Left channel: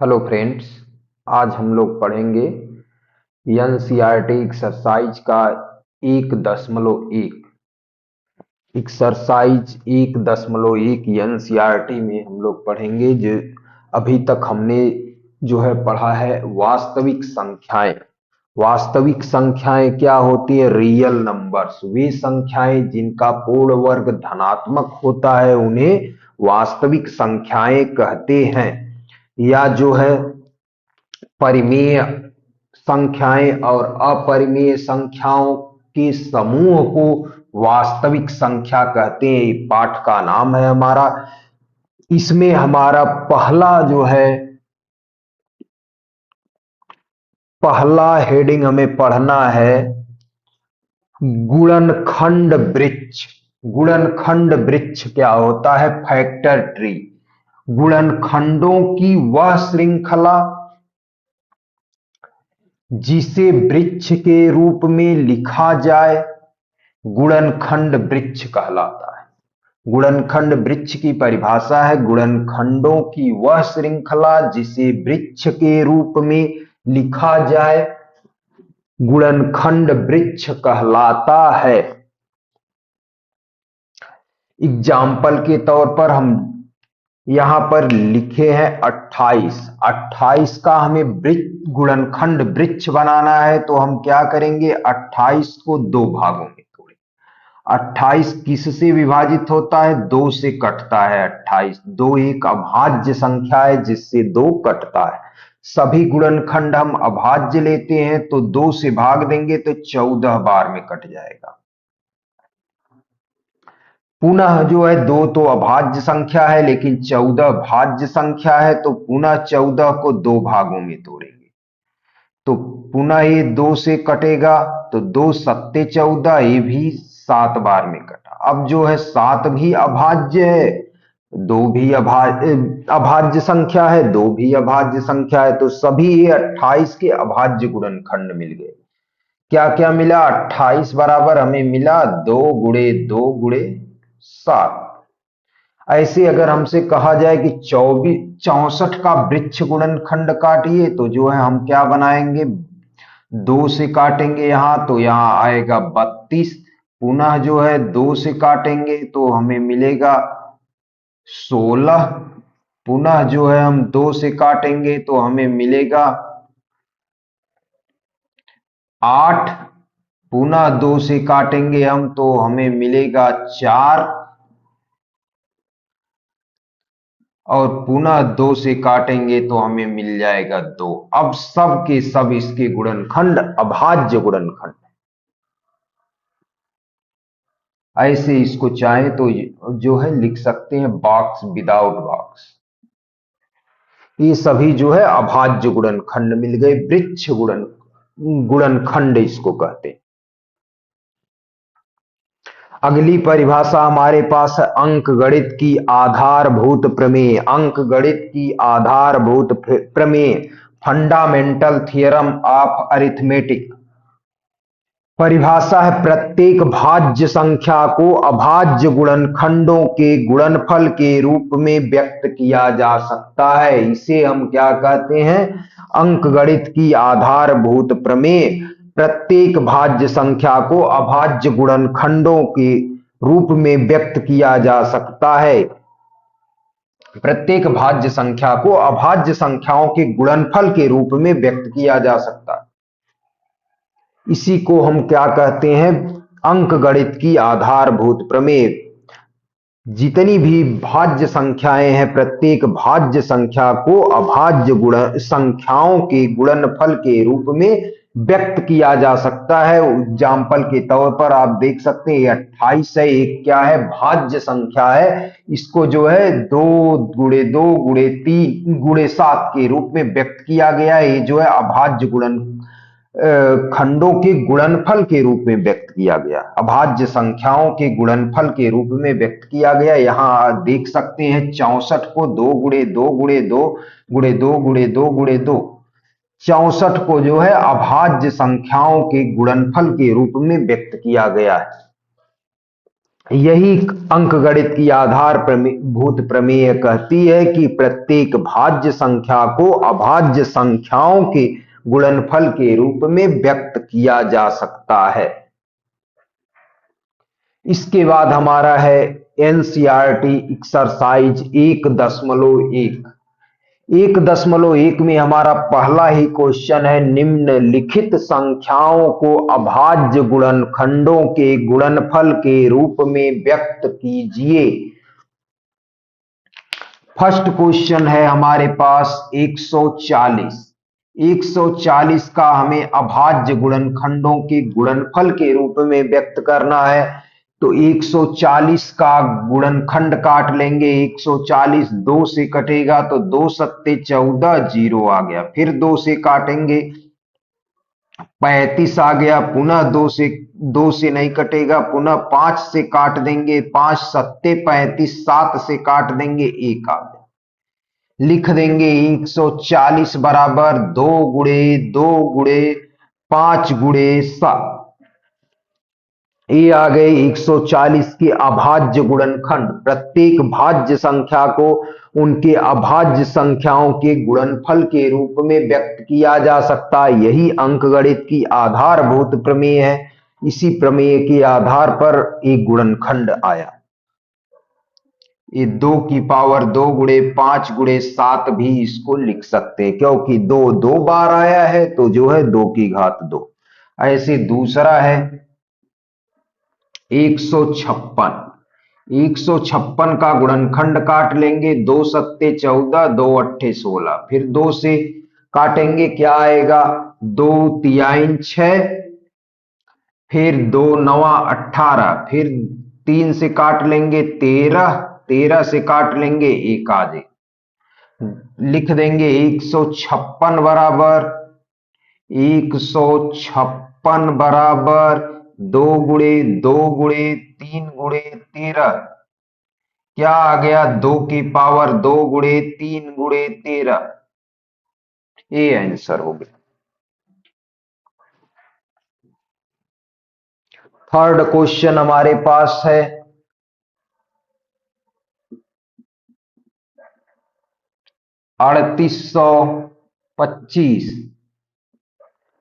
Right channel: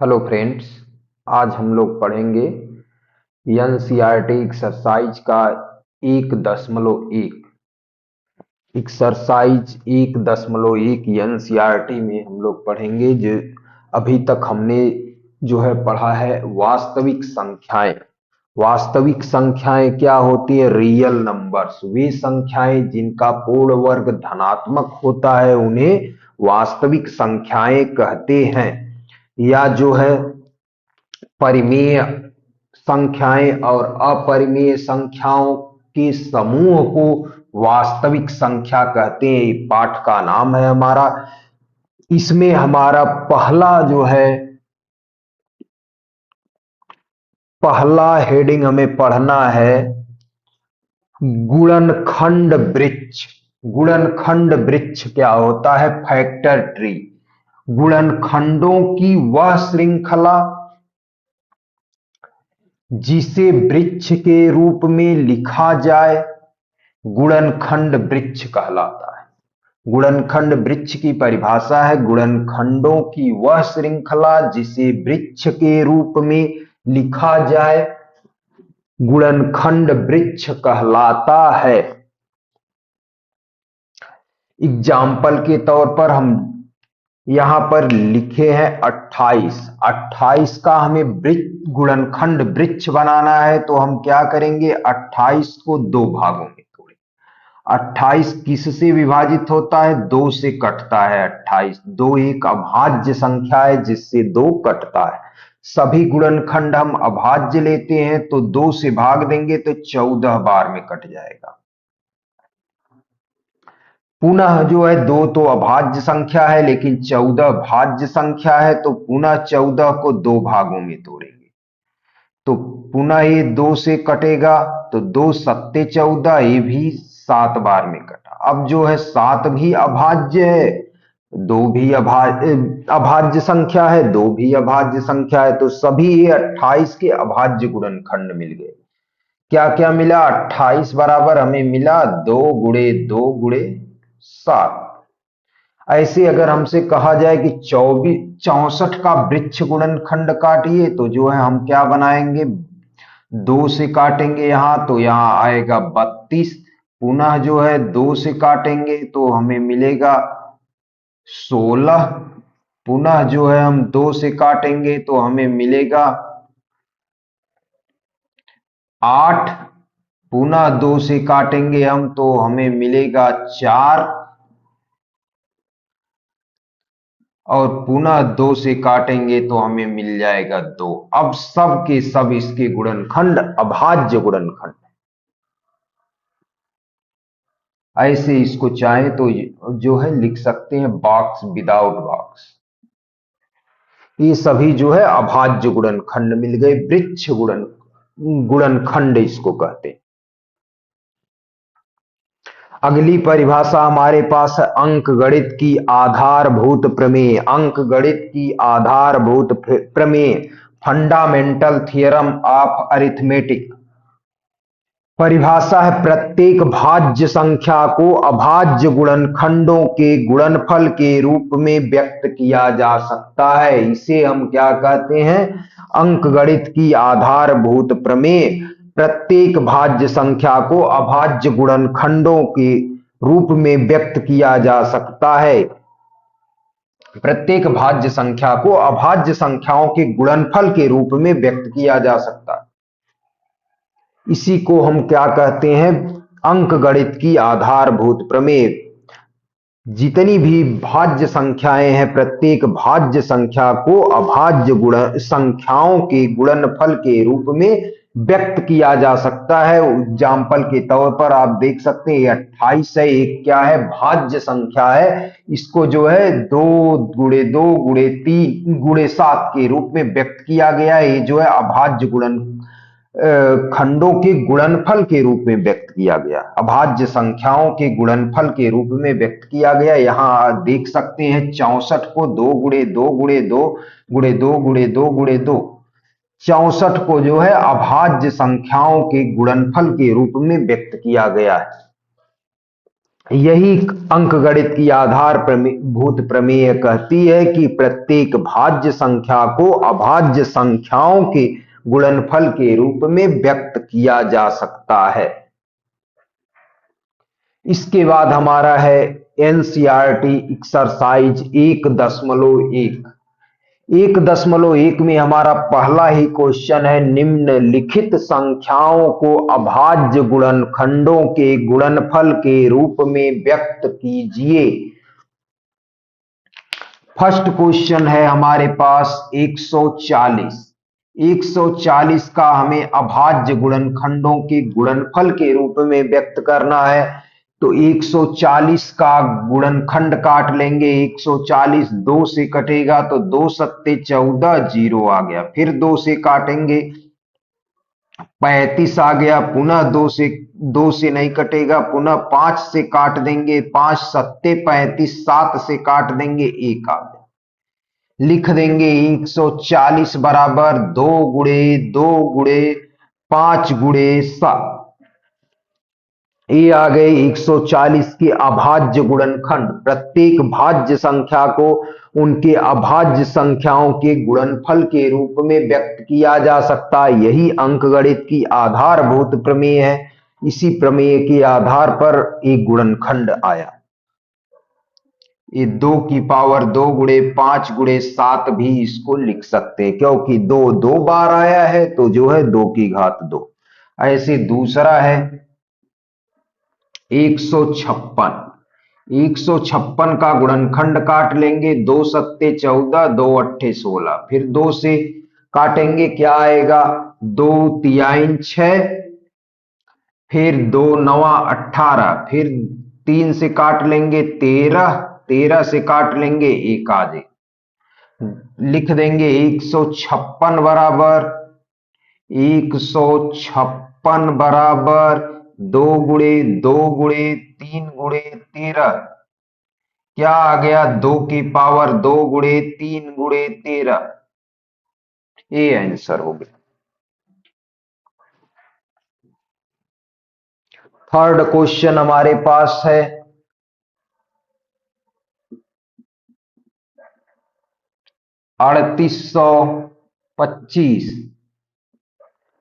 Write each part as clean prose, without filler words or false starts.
Hello friends. आज हम लोग पढ़ेंगे एनसीईआरटी एक्सरसाइज का 1.1 एक्सरसाइज 1.1 एनसीईआरटी में हम लोग पढ़ेंगे जो अभी तक हमने जो है पढ़ा है वास्तविक संख्याएं। वास्तविक संख्याएं क्या होती है? Real numbers. वे संख्याएं जिनका पूर्ण वर्ग धनात्मक होता है उन्हें वास्तविक संख्याएं कहते हैं। या जो है परिमेय संख्याएं और अपरिमेय संख्याओं के समूह को वास्तविक संख्या कहते हैं। ये पाठ का नाम है हमारा। इसमें हमारा पहला हेडिंग हमें पढ़ना है गुणनखंड वृक्ष। गुणनखंड वृक्ष क्या होता है? Factor tree. गुणनखंडों की वह श्रृंखला जिसे वृक्ष के रूप में लिखा जाए गुणनखंड वृक्ष कहलाता है। गुणनखंड वृक्ष की परिभाषा है गुणनखंडों की वह श्रृंखला जिसे वृक्ष के रूप में लिखा जाए गुणनखंड वृक्ष कहलाता है। एग्जाम्पल के तौर पर हम यहां पर लिखे हैं 28। 28 का हमें वृक्ष गुणनखंड वृक्ष बनाना है तो हम क्या करेंगे? 28 को दो भागों में तोड़ेंगे। 28 किससे विभाजित होता है? 2 से कटता है। 28 दो एक अभाज्य संख्या है जिससे 2 कटता है। सभी गुणनखंड हम अभाज्य लेते हैं तो 2 से भाग देंगे तो 14 बार में कट जाएगा। पुनः जो है 2 तो अभाज्य संख्या है लेकिन 14 भाज्य संख्या है तो पुनः 14 को 2 भागों में तोड़ेंगे तो पुनः ये 2 से कटेगा तो 2 सत्ते 14, ये भी 7 बार में कटा। अब जो है 7 भी अभाज्य है, 2 भी अभाज्य संख्या है, 2 भी अभाज्य संख्या है तो सभी ये 28 के अभाज्य गुणनखंड मिल गए। क्या क्या मिला? 28 बराबर हमें मिला 2 गुणे 2 गुणे 7। ऐसे अगर हमसे कहा जाए कि 64 का वृक्ष गुणनखंड काटिए तो जो है हम क्या बनाएंगे? 2 से काटेंगे यहां तो यहां आएगा 32। पुनः जो है 2 से काटेंगे तो हमें मिलेगा 16। पुनः जो है हम 2 से काटेंगे तो हमें मिलेगा 8। पुनः 2 से काटेंगे हम तो हमें मिलेगा 4 और पुनः 2 से काटेंगे तो हमें मिल जाएगा 2। अब सब के सब इसके गुणनखंड अभाज्य गुणनखंड। ऐसे इसको चाहे तो जो है लिख सकते हैं बॉक्स विदाउट बॉक्स। ये सभी जो है अभाज्य गुणनखंड मिल गए। वृक्ष गुणनखंड इसको कहते हैं। अगली परिभाषा हमारे पास है अंकगणित की आधारभूत प्रमेय। अंकगणित की आधारभूत प्रमेय, फंडामेंटल थ्योरम ऑफ अरिथमेटिक। परिभाषा है प्रत्येक भाज्य संख्या को अभाज्य गुणनखंडों के गुणनफल के रूप में व्यक्त किया जा सकता है। इसे हम क्या कहते हैं? अंकगणित की आधारभूत प्रमेय। प्रत्येक भाज्य संख्या को अभाज्य गुणनखंडों के रूप में व्यक्त किया जा सकता है। प्रत्येक भाज्य संख्या को अभाज्य संख्याओं के गुणनफल के रूप में व्यक्त किया जा सकता है। इसी को हम क्या कहते हैं? अंकगणित की आधारभूत प्रमेय। जितनी भी भाज्य संख्याएं हैं प्रत्येक भाज्य संख्या को अभाज्य गुण संख्याओं के गुणनफल के रूप में व्यक्त किया जा सकता है। एग्जाम्पल के तौर पर आप देख सकते हैं 28 है, एक क्या है? भाज्य संख्या है। इसको जो है 2 गुणे 2 गुणे 3 गुणे 7 के रूप में व्यक्त किया गया है। ये जो है अभाज्य गुणन खंडों के गुणनफल के रूप में व्यक्त किया गया, अभाज्य संख्याओं के गुणनफल के रूप में व्यक्त किया गया। यहां देख सकते हैं 64 को 2 गुणे 2 गुणे 2 गुणे 2 गुणे 2 गुणे 2। 64 को जो है अभाज्य संख्याओं के गुणनफल के रूप में व्यक्त किया गया है। यही अंकगणित की आधार भूत प्रमेय कहती है कि प्रत्येक भाज्य संख्या को अभाज्य संख्याओं के गुणनफल के रूप में व्यक्त किया जा सकता है। इसके बाद हमारा है एनसीईआरटी एक्सरसाइज 1.1। 1.1 में हमारा पहला ही क्वेश्चन है, निम्नलिखित संख्याओं को अभाज्य गुणनखंडों के गुणनफल के रूप में व्यक्त कीजिए। फर्स्ट क्वेश्चन है हमारे पास 140। 140 का हमें अभाज्य गुणनखंडों के गुणनफल के रूप में व्यक्त करना है। तो 140 का गुणनखंड काट लेंगे। 140 2 से कटेगा तो 2 सत्ते 14, 0 आ गया। फिर 2 से काटेंगे 35 आ गया। पुनः 2 से नहीं कटेगा, पुनः 5 से काट देंगे। 5 सत्ते 35, 7 से काट देंगे, 1 आ गया। लिख देंगे 140 बराबर 2 गुणे 2 गुणे 5 गुणे 7। ये आ गए 140 के अभाज्य गुणनखंड। प्रत्येक भाज्य संख्या को उनके अभाज्य संख्याओं के गुणनफल के रूप में व्यक्त किया जा सकता है। यही अंकगणित की आधारभूत प्रमेय है। इसी प्रमेय के आधार पर एक गुणनखंड आया। ये 2 की पावर 2 गुणे 5 गुणे 7 भी इसको लिख सकते हैं, क्योंकि 2 2 बार आया है तो जो है 2 की घात 2। ऐसे दूसरा है 156। 156 का गुणनखंड काट लेंगे। 2 सत्ते 14, 2 अट्ठे 16। फिर 2 से काटेंगे, क्या आएगा? 2 तिहाई 6, फिर 2 नवा 18, फिर 3 से काट लेंगे 13, 13 से काट लेंगे 1 आ जाए। लिख देंगे 156 बराबर 156 बराबर 2 गुणे 2 गुणे 3 गुणे 13। क्या आ गया? 2 की पावर 2 गुणे 3 गुणे 13। ये आंसर हो गया। थर्ड क्वेश्चन हमारे पास है 3825।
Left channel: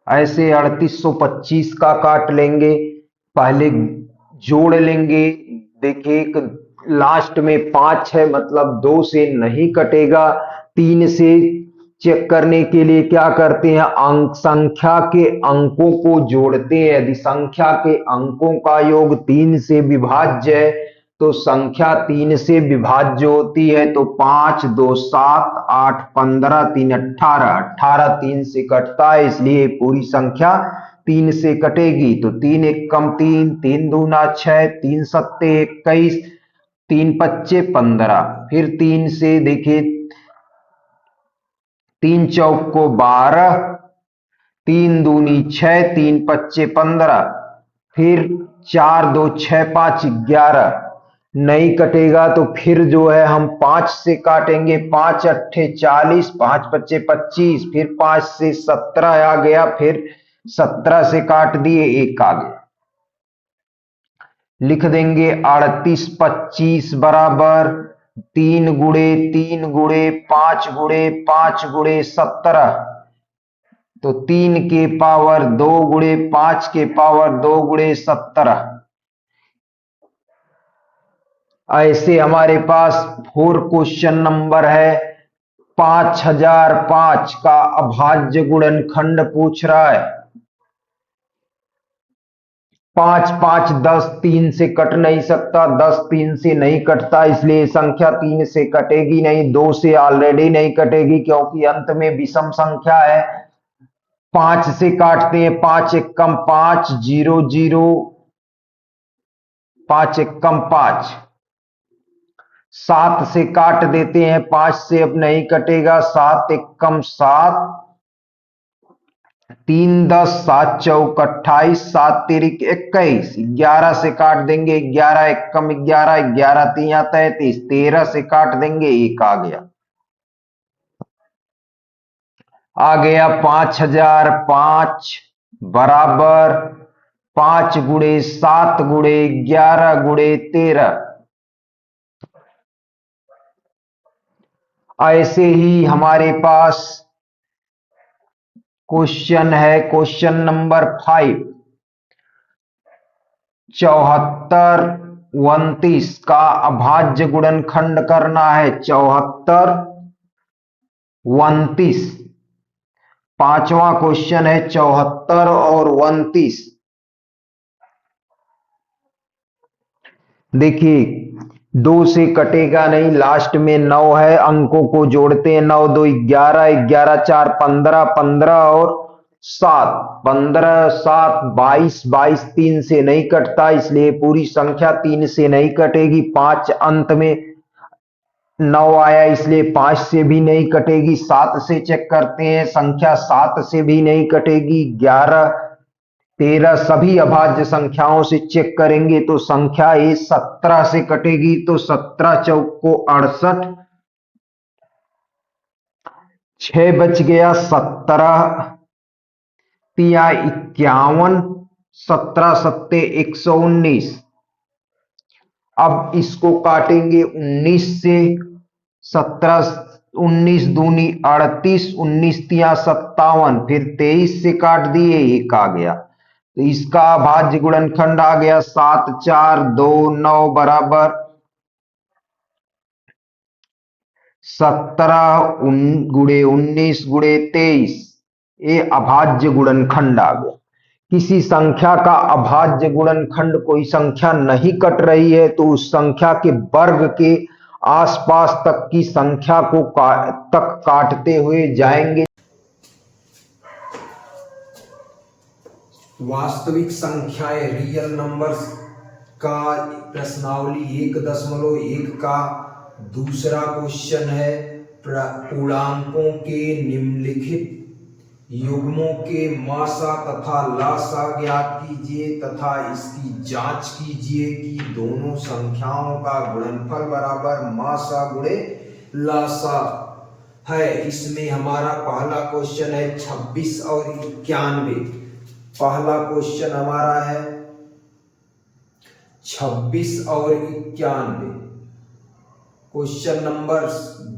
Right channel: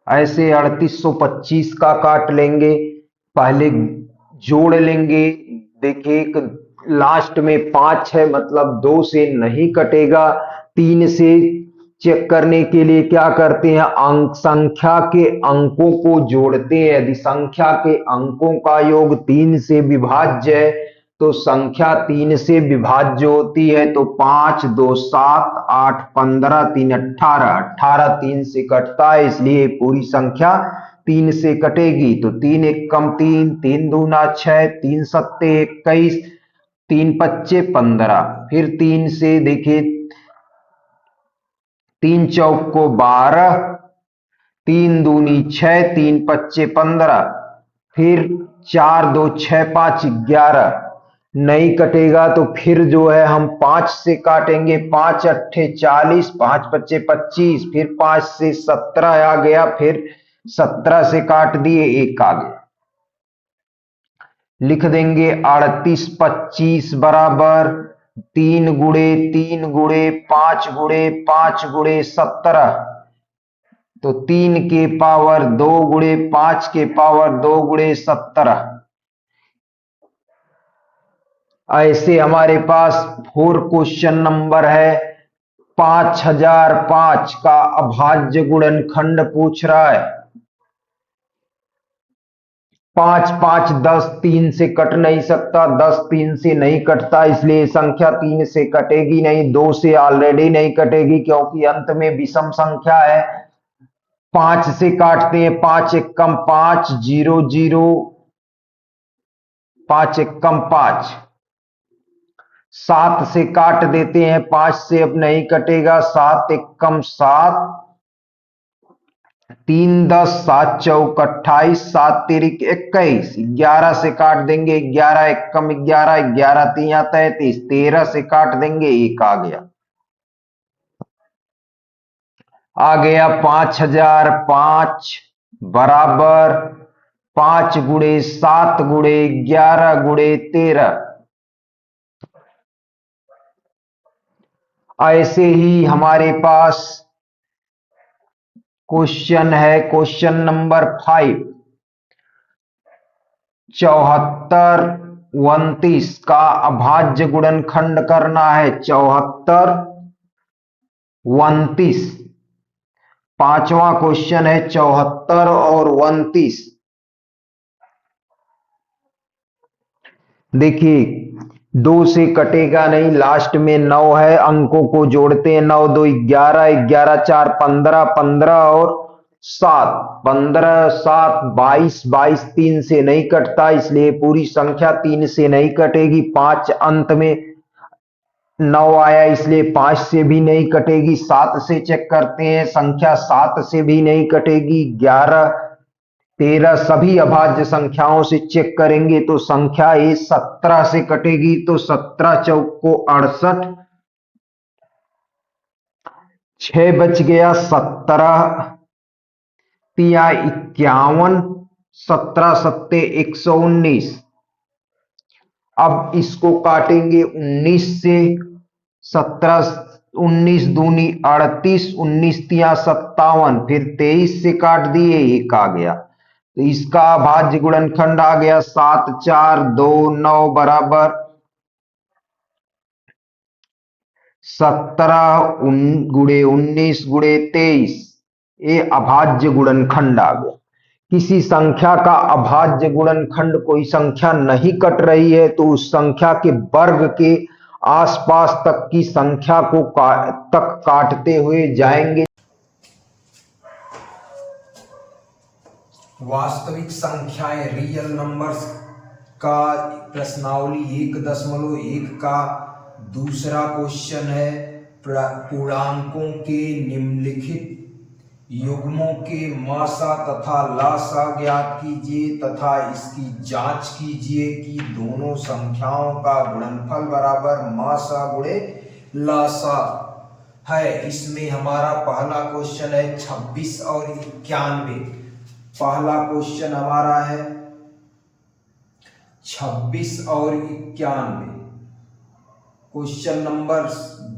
ऐसे 3825 का काट लेंगे। पहले जोड़ लेंगे। देखिए एक लास्ट में 5 है, मतलब 2 से नहीं कटेगा। 3 से चेक करने के लिए क्या करते हैं? अंक संख्या के अंकों को जोड़ते हैं। यदि संख्या के अंकों का योग 3 से विभाज्य है तो संख्या 3 से विभाज्य होती है। तो 5 2 7 8 15 3 18, 18 3 से कटता है, इसलिए पूरी संख्या 3 से कटेगी। तो 3 एकम 3, 3 दूना 6, 3 सत्ते 21, 3 पच्चे 15। फिर 3 से देखिए 3 चौक को 12, 3 दूनी 6, 3 पच्चे 15। फिर 4 2 6 5 11। नहीं कटेगा तो फिर जो है हम 5 से काटेंगे। 5 अट्ठे 40, 5 पच्चे 25, फिर 5 से 17 आ गया। फिर 17 से काट दिए, 1 आ गया। लिख देंगे 3825 बराबर 3 गुणे 3 गुणे 5 गुणे 5 गुणे 17। तो 3 के पावर 2 गुणे 5 के पावर 2 गुणे 17। ऐसे हमारे पास 4 क्वेश्चन नंबर है 5005 का अभाज्य गुणनखंड पूछ रहा है। 5 5 10, 3 से कट नहीं सकता। 10 3 से नहीं कटता, इसलिए संख्या 3 से कटेगी नहीं। 2 से ऑलरेडी नहीं कटेगी क्योंकि अंत में विषम संख्या है। 5 से काटते हैं। 5 एकम 5, 0 0, 5 एकम 5। 7 से काट देते हैं। 5 से अब नहीं कटेगा। 7 एकम 7, 3 10, 7 चौक 28, 7 तिरिक 21। 11 से काट देंगे। 11 एकम 11, 11 तिया 33। 13 से काट देंगे, 1 आ गया। आ गया 5005 बराबर 5 गुणे 7 गुणे 11 गुणे 13। ऐसे ही हमारे पास क्वेश्चन है, क्वेश्चन नंबर 5, 74 29 का अभाज्य गुणनखंड करना है। 74 29 पांचवा क्वेश्चन है, 74 और 29। देखिए 2 से कटेगा नहीं, लास्ट में 9 है, अंकों को जोड़ते हैं। 9 2 11, 11 4 15, 15 और 7, 15 7 22, 22 3 से नहीं कटता, इसलिए पूरी संख्या 3 से नहीं कटेगी। 5 अंत में 9 आया, इसलिए 5 से भी नहीं कटेगी। 7 से चेक करते हैं, संख्या 7 से भी नहीं कटेगी। 11 13 सभी अभाज्य संख्याओं से चेक करेंगे तो संख्या ये 17 से कटेगी। तो 17 चौक को 68, 6 बच गया, 17 तिया 51, 17 सत्ते 119। अब इसको काटेंगे 19 से। 17 19 दूनी 38, 19 तिया 57, फिर 23 से काट दिए, 1 आ गया। तो इसका अभाज्य गुणनखंड आ गया 7 4 2 9 बराबर 17 गुणे 19 गुणे 23। ये अभाज्य गुणनखंड आ गया। किसी संख्या का अभाज्य गुणनखंड, कोई संख्या नहीं कट रही है तो उस संख्या के वर्ग के आसपास तक की संख्या को तक काटते हुए जाएंगे। वास्तविक संख्याएं रियल नंबर्स का प्रश्नावली 1.1 का दूसरा क्वेश्चन है, पूर्णांकों के निम्नलिखित युग्मों के मासा तथा लासा ज्ञात कीजिए तथा इसकी जांच कीजिए कि दोनों संख्याओं का गुणनफल बराबर मासा गुणे लासा है। इसमें हमारा पहला क्वेश्चन है 26 और 91। पहला क्वेश्चन हमारा है 26 और 91। क्वेश्चन नंबर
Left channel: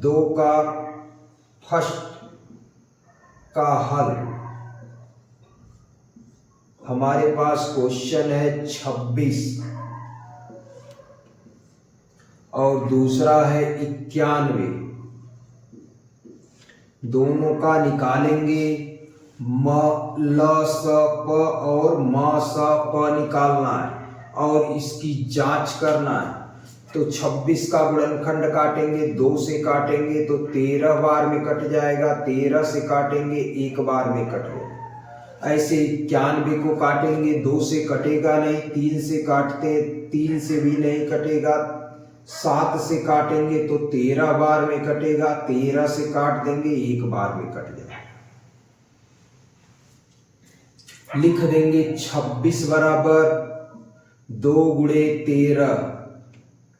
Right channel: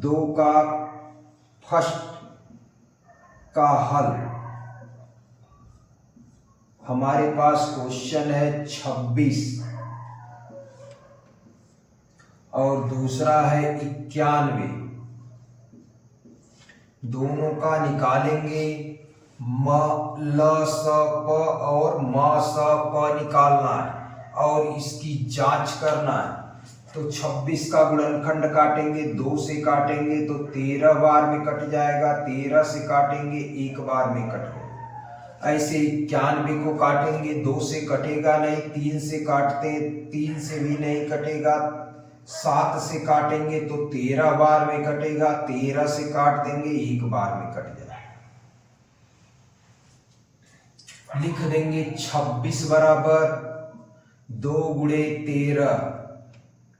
2 का फर्स्ट का हल। हमारे पास क्वेश्चन है 26 और दूसरा है 91। दोनों का निकालेंगे। म ल स प और म स प निकालना है और इसकी जांच करना है। तो 26 का गुणनखंड काटेंगे, 2 से काटेंगे तो 13 बार में कट जाएगा। 13 से काटेंगे 1 बार में कट जाएगा। ऐसे 91 को काटेंगे, 2 से कटेगा नहीं। 3 से काटते, 3 से भी नहीं कटेगा। 7 से काटेंगे तो 13 बार में कटेगा। 13 से काट देंगे, 1 बार में कट जाएगा। लिख देंगे 26 बराबर 2 गुणे 13,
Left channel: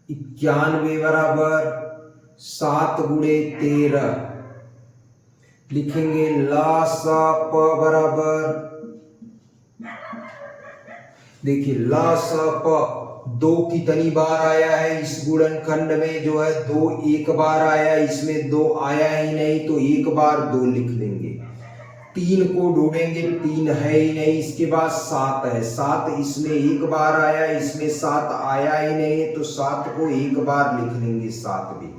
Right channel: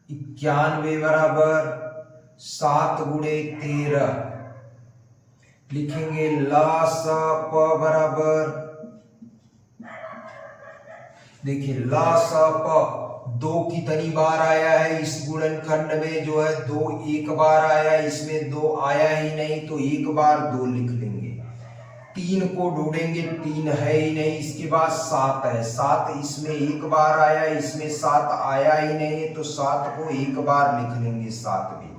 91 बराबर 7 गुणे 13। लिखेंगे ला सा प बराबर, देखिए ला सा प 2 कितनी बार आया है इस गुणनखंड में, जो है 2 1 बार आया, इसमें 2 आया ही नहीं तो 1 बार 2 लिख लेंगे। 3 को ढूंढेंगे, 3 है ही नहीं। इसके बाद 7 है, 7 इसमें 1 बार आया, इसमें 7 आया ही नहीं तो 7 को 1 बार लिख लेंगे। 7 भी।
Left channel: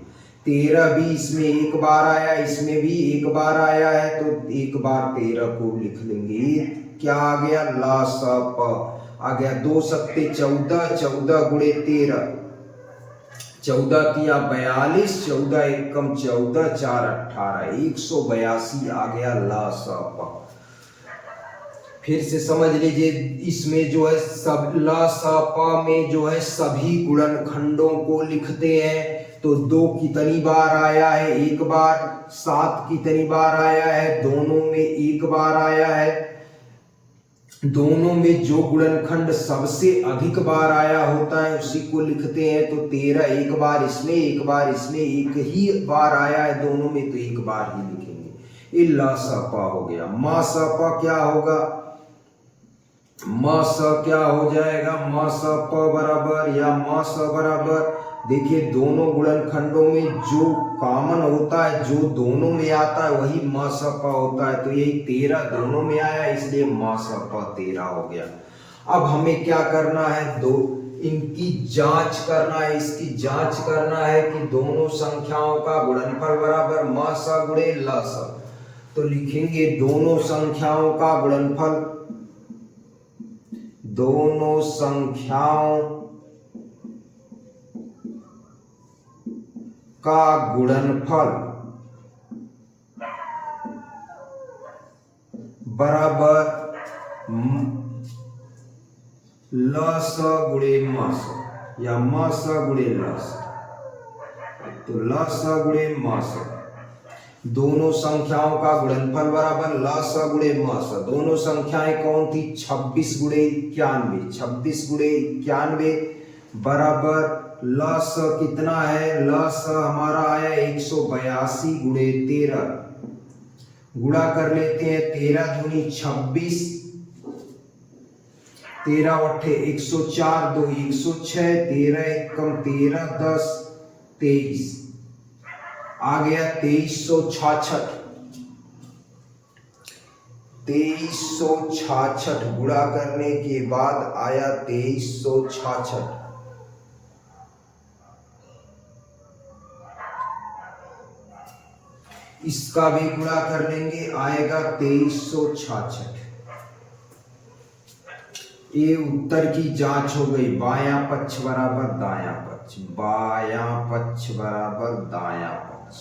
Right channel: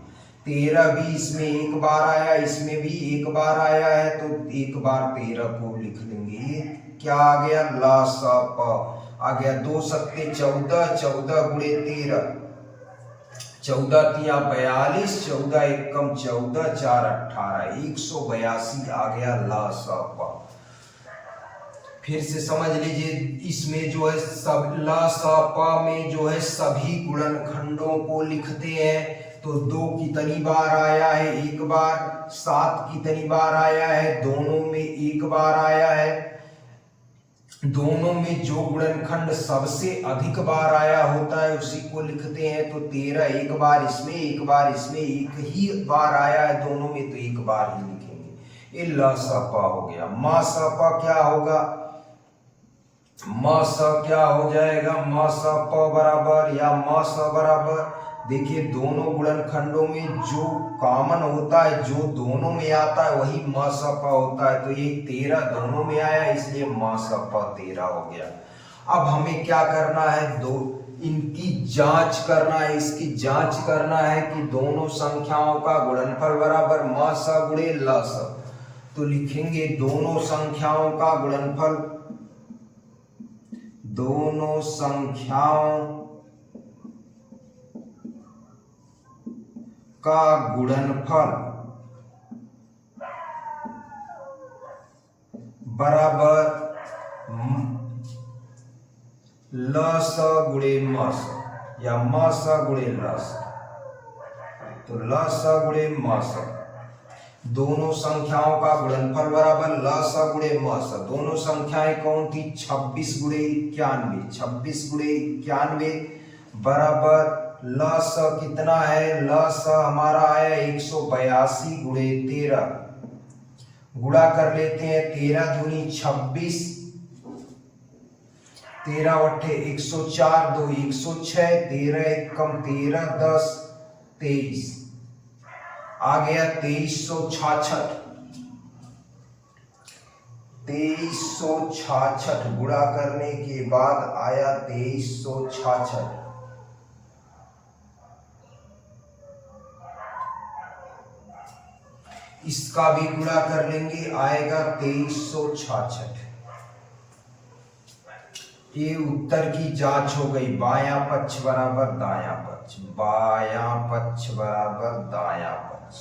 13 भी इसमें 1 बार आया, इसमें भी 1 बार आया है तो 1 बार 13 को लिख लेंगे। ये क्या आ गया, ला सा प आ गया। 2 सत्ते 14, 14 गुणे 13, 14 तिया 42, 14 एकम 14, 4 18, 182 आ गया ला सा प। फिर से समझ लीजिए, इसमें जो है सब ला सा प में जो है सभी गुणनखंडों को लिखते हैं। तो 2 कितनी बार आया है, 1 बार। 7 कितनी बार आया है, दोनों में 1 बार आया है। दोनों में जो गुणनखंड सबसे अधिक बार आया होता है उसी को लिखते हैं। तो 13 1 बार इसमें, 1 बार इसमें, 1 ही बार आया है दोनों में तो 1 बार ही लिखेंगे। ये ला सा पा हो गया। मा सा पा क्या होगा, म स क्या हो जाएगा, म स प बराबर या म स बराबर, देखिए दोनों गुणनखंडों में जो कॉमन होता है, जो दोनों में आता है वही म स प होता है। तो यही 13 दोनों में आया, इसलिए म स प 13 हो गया। अब हमें क्या करना है, दो इनकी जांच करना है, इसकी जांच करना है कि दोनों संख्याओं का गुणनफल बराबर म स गुणे ल स। तो लिखेंगे दोनों संख्याओं का गुणनफल, दोनों संख्याओं का गुणनफल बराबर ल स गुणे म स या म स गुणे ल स। तो ल स गुणे म स, दोनों संख्याओं का गुणनफल बराबर ल स गुणे म स। दोनों संख्याएं कौन थी, 26 गुणे 91, 26 गुणे 91 बराबर ल स कितना है, ल स हमारा आया 182 गुणे 13। गुणा कर लेते हैं, 13 दूनी 26, 13 अट्ठे 104, 2 106, 13 एक कम 13, 10 23, आ गया 2366। 2366 गुणा करने के बाद आया 2366। इसका भी गुणा कर लेंगे, आएगा 2366। ये उत्तर की जांच हो गई। बायां पक्ष बराबर दायां पक्ष, बायां पक्ष बराबर दायां पक्ष,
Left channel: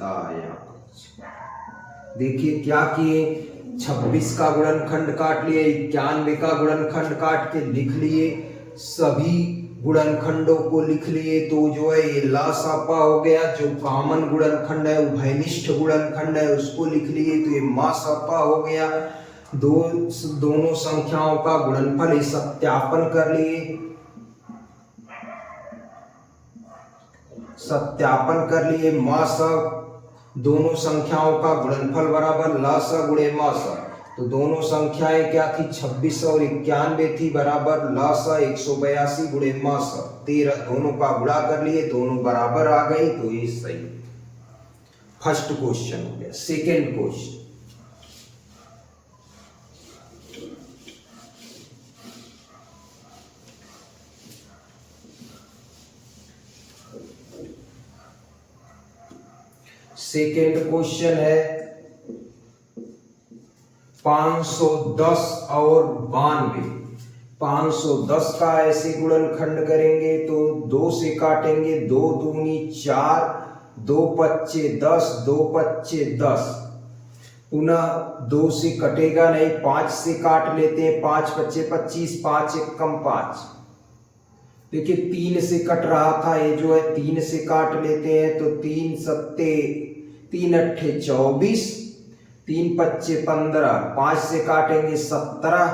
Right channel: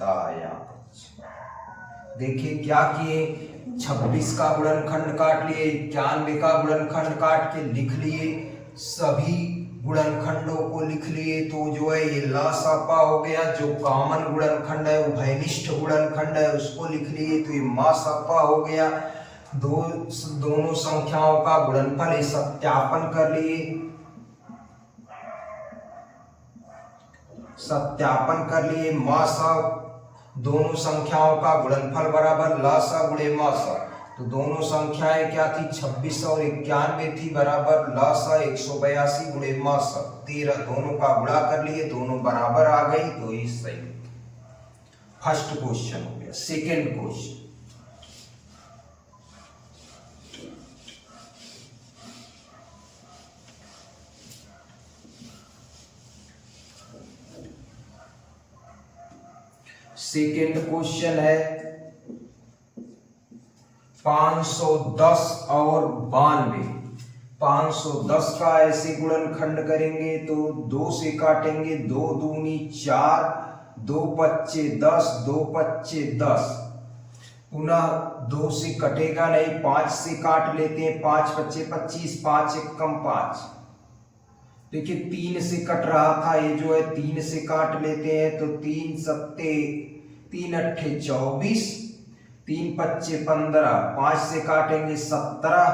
दायां पक्ष। देखिए क्या किए, 26 का गुणनखंड काट लिए, 91 का गुणनखंड काट के लिख लिए, सभी गुणनखंडों को लिख लिए। तो जो है ये ला सा पा हो गया, जो कॉमन गुणनखंड है उभयनिष्ठ गुणनखंड है उसको लिख लिए, तो ये मा सा पा हो गया। दोनों संख्याओं का गुणनफल सत्यापन कर लिए, सत्यापन कर लिए। मा सा, दोनों संख्याओं का गुणनफल बराबर ला सा गुणे मा सा। तो दोनों संख्याएं क्या थी, 26 और 91 थी, बराबर ला सा 182 गुणे मा सा 13। दोनों का गुणा कर लिए, दोनों बराबर आ गई, तो ये सही। फर्स्ट क्वेश्चन हो गया। सेकेंड क्वेश्चन, सेकेंड क्वेश्चन है 510 और 92। 510 का ऐसे गुणनखंड करेंगे तो 2 से काटेंगे, 2 दूनी 4, 2 पच्चे 10, 2 पच्चे 10, पुनः 2 से कटेगा नहीं, 5 से काट लेते हैं, 5 पच्चे 25, 5 एक कम 5। देखिए 3 से कट रहा था, ये जो है 3 से काट लेते हैं, तो 3 सत्ते 3 अट्ठे 24, 3 पच्चे 15, 5 से काटेंगे 17,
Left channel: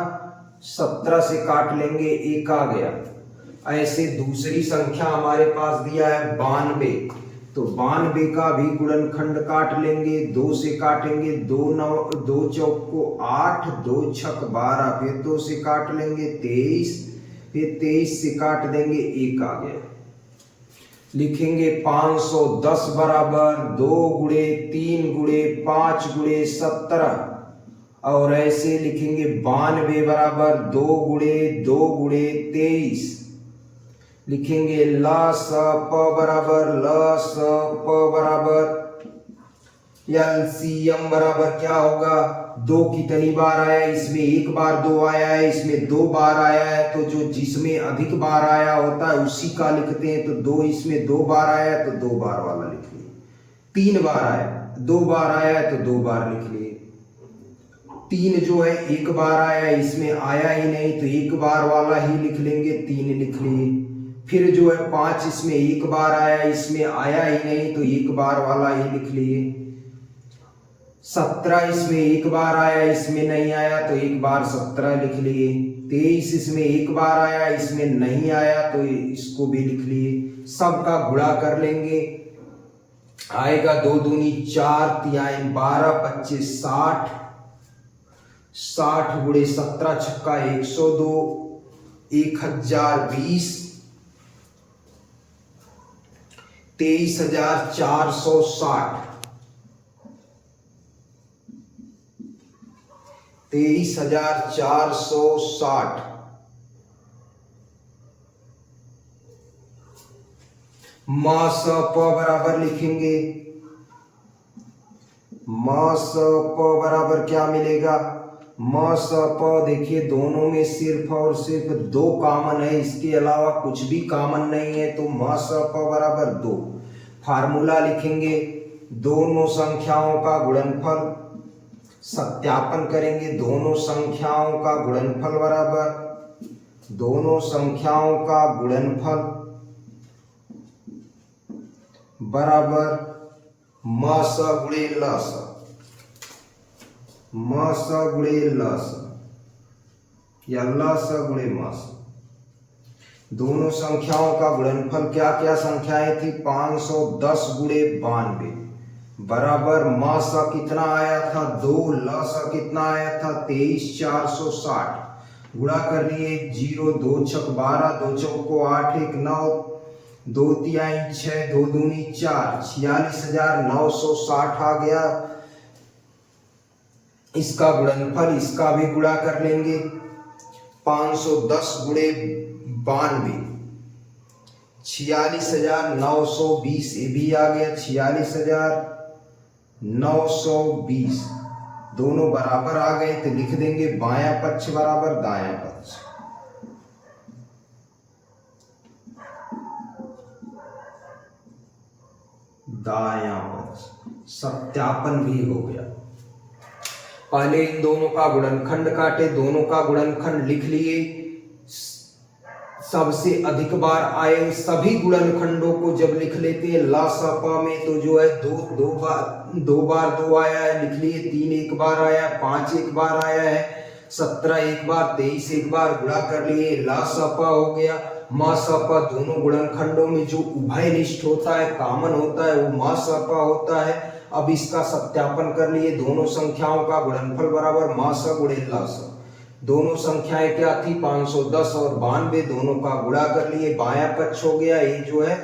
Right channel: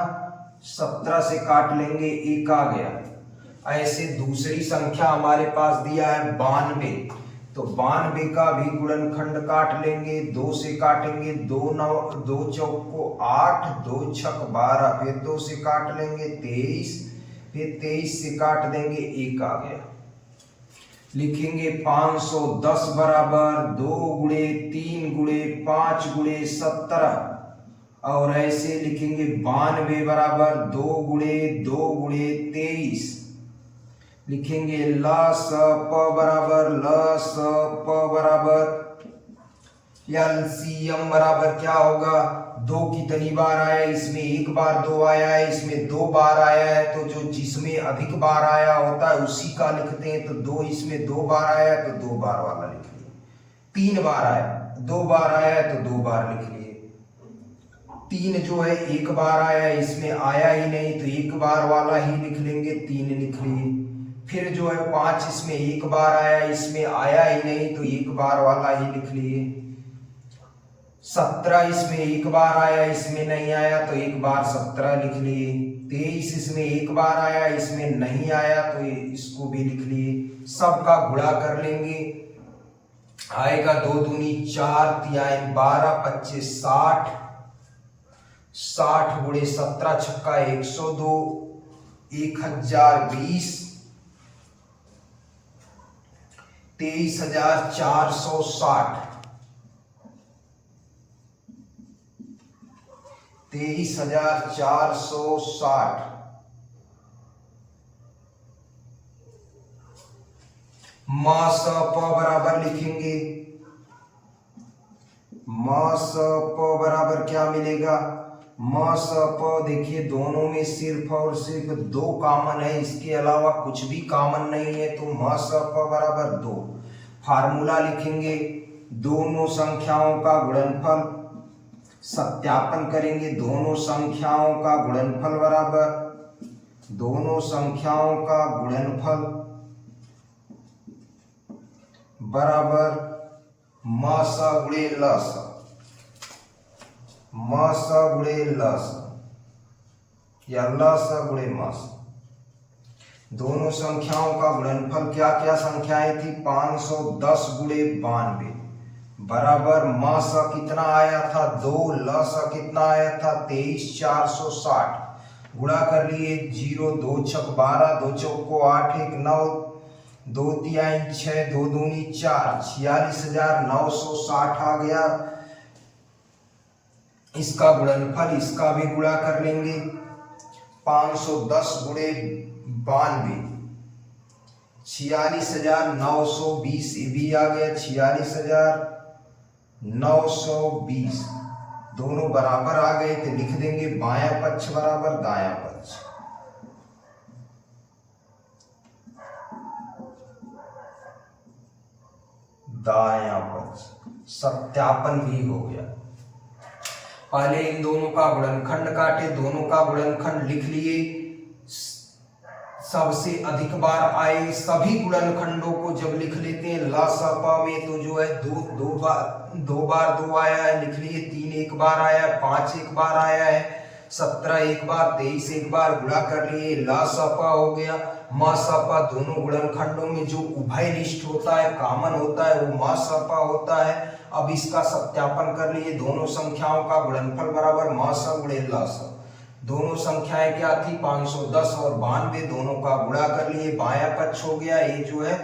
17 से काट लेंगे 1 आ गया। ऐसे दूसरी संख्या हमारे पास दिया है 92, तो 92 का भी गुणनखंड काट लेंगे, 2 से काटेंगे, 2 चौक को 8, 2 छक 12, फिर 2 से काट लेंगे 23, फिर 23 से काट देंगे 1 आ गया। लिखेंगे 510 बराबर 2 गुणे 3 गुणे 5 गुणे 17, और ऐसे लिखेंगे 92 बराबर 2 गुणे 2 गुणे 23। लिखेंगे ल स प बराबर ल स प बराबर एलसीएम बराबर क्या होगा, 2 कितनी बार आया, इसमें 1 बार 2 आया है, इसमें 2 बार आया है, तो जो जिसमें अधिक बार आया होता है उसी का लिखते हैं। तो 2 इसमें 2 बार आया है तो 2 बार वाला लिख लिए। 3 बार आया, 2 बार आया है तो 2 बार लिख लिए। 3 जो है 1 बार आया है, इसमें आया ही नहीं, तो 1 बार वाला ही लिख लेंगे, 3 लिख लिए। फिर जो है 5 इसमें 1 बार आया, इसमें आया ही नहीं, तो 1 बार वाला ही लिख लिए। 17 इसमें 1 बार आया, इसमें नहीं आया, तो 1 बार 17 लिख लिए। 23 इसमें 1 बार आया, इसमें नहीं आया, तो इसको भी लिख लिए। सबका गुणा कर लेंगे, आएगा 2 दूनी 4, 3 12, 25 60, 60 गुणे 17 छक्का 102, 1020, 23,460, 23,460। मा स प बराबर लिखेंगे, मा स प बराबर क्या मिलेगा, मा स प देखिए दोनों में सिर्फ और सिर्फ 2 कॉमन है, इसके अलावा कुछ भी कॉमन नहीं है, तो मा स प बराबर 2। फार्मूला लिखेंगे, दोनों संख्याओं का गुणनफल, सत्यापन करेंगे, दोनों संख्याओं का गुणनफल बराबर, दोनों संख्याओं का गुणनफल बराबर म स गुणे ल स, म स गुणे ल स या ल स गुणे म स। दोनों संख्याओं का गुणनफल क्या क्या संख्याएं थी, 510 गुणे 92 बराबर म स कितना आया था 2, ल स कितना आया था 23,460। गुणा कर लिए, 0 2 छक 12, 2 चौको 8, 1 9, 2 तिहाई 6, 2 दूनी 4, 46,960 आ गया। इसका गुणनफल, इसका भी गुणा कर लेंगे, 510 गुणे 92, 46,920, ये भी आ गया 46,920। दोनों बराबर आ गए तो लिख देंगे बायां पक्ष बराबर दायां पक्ष। दायां पक्ष सत्यापन भी हो गया। पहले इन दोनों का गुणनखंड काटे, दोनों का गुणनखंड लिख लिए, सबसे अधिक बार आए सभी गुणनखंडों को जब लिख लेते हैं ला स प में, तो जो है दो बार 2 आया है, लिख लिए, 3 एक बार आया है, 5 एक बार आया है, 17 एक बार, 23 एक बार, गुणा कर लिए, ला स प हो गया। मा स प दोनों गुणनखंडों में जो उभयनिष्ठ होता है, कॉमन होता है, वो मा स प होता है। अब इसका सत्यापन कर लिए, दोनों संख्याओं का गुणनफल बराबर मा स गुणे ला स। दोनों संख्याएं क्या थी, 510 और 92, दोनों का गुणा कर लिए, बायां पक्ष हो गया, ये जो है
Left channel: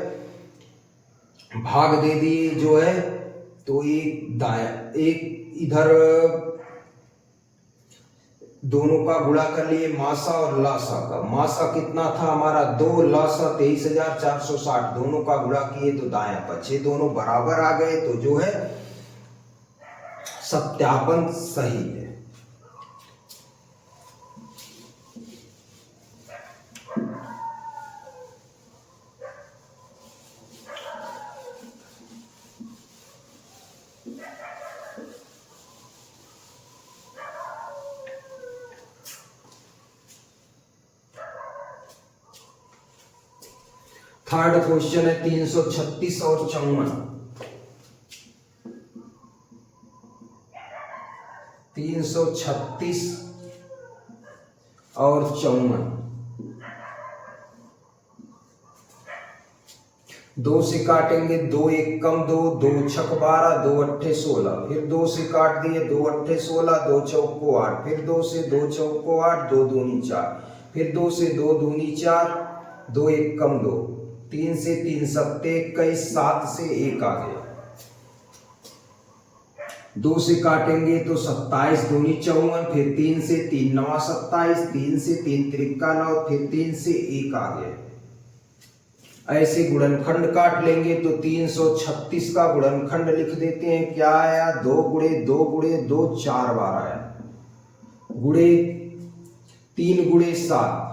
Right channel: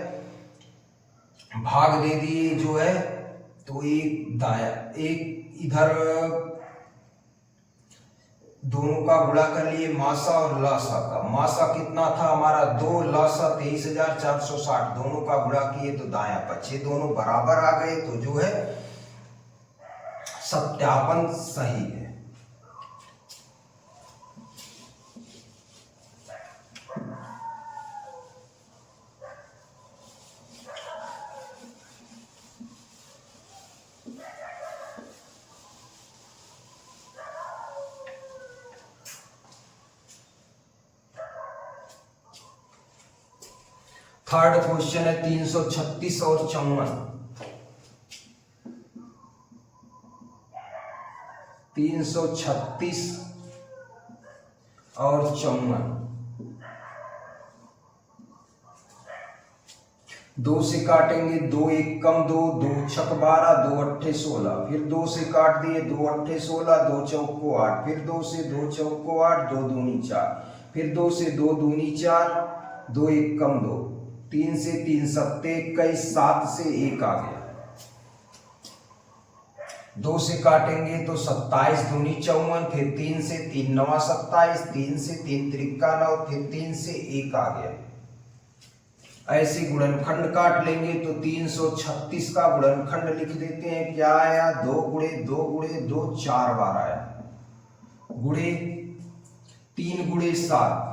भाग दे दिए जो है, तो एक दाया, एक इधर दोनों का गुणा कर लिए, मासा और लासा का। मासा कितना था हमारा 2, लासा 23,460, दोनों का गुणा किए तो दायां पक्ष, ये दोनों बराबर आ गए, तो जो है सत्यापन सही है। थर्ड क्वेश्चन है 336 और 54। 336 और 54, 2 से काटेंगे, 2 एक कम 2, 2 छक 12, 2 अट्ठे 16, फिर 2 से काट दिए, 2 अट्ठे 16, 2 चौको 8, फिर 2 से 2 चौको 8, 2 दूनी 4, फिर 2 से 2 दूनी 4, 2 एक कम 2, 3 से 3 सत्ते 21, 7 से 1 आ गया। 2 से काटेंगे तो 27 दूनी 54, फिर 3 से 3 9 27, 3 से 3 3 9, फिर 3 से 1 आ गया। ऐसे गुणनखंड काट लेंगे तो 336 का गुणनखंड लिख देते हैं, क्या आया 2 गुणे 2 गुणे 2, 4 बार आया, गुणे 3 गुणे 7,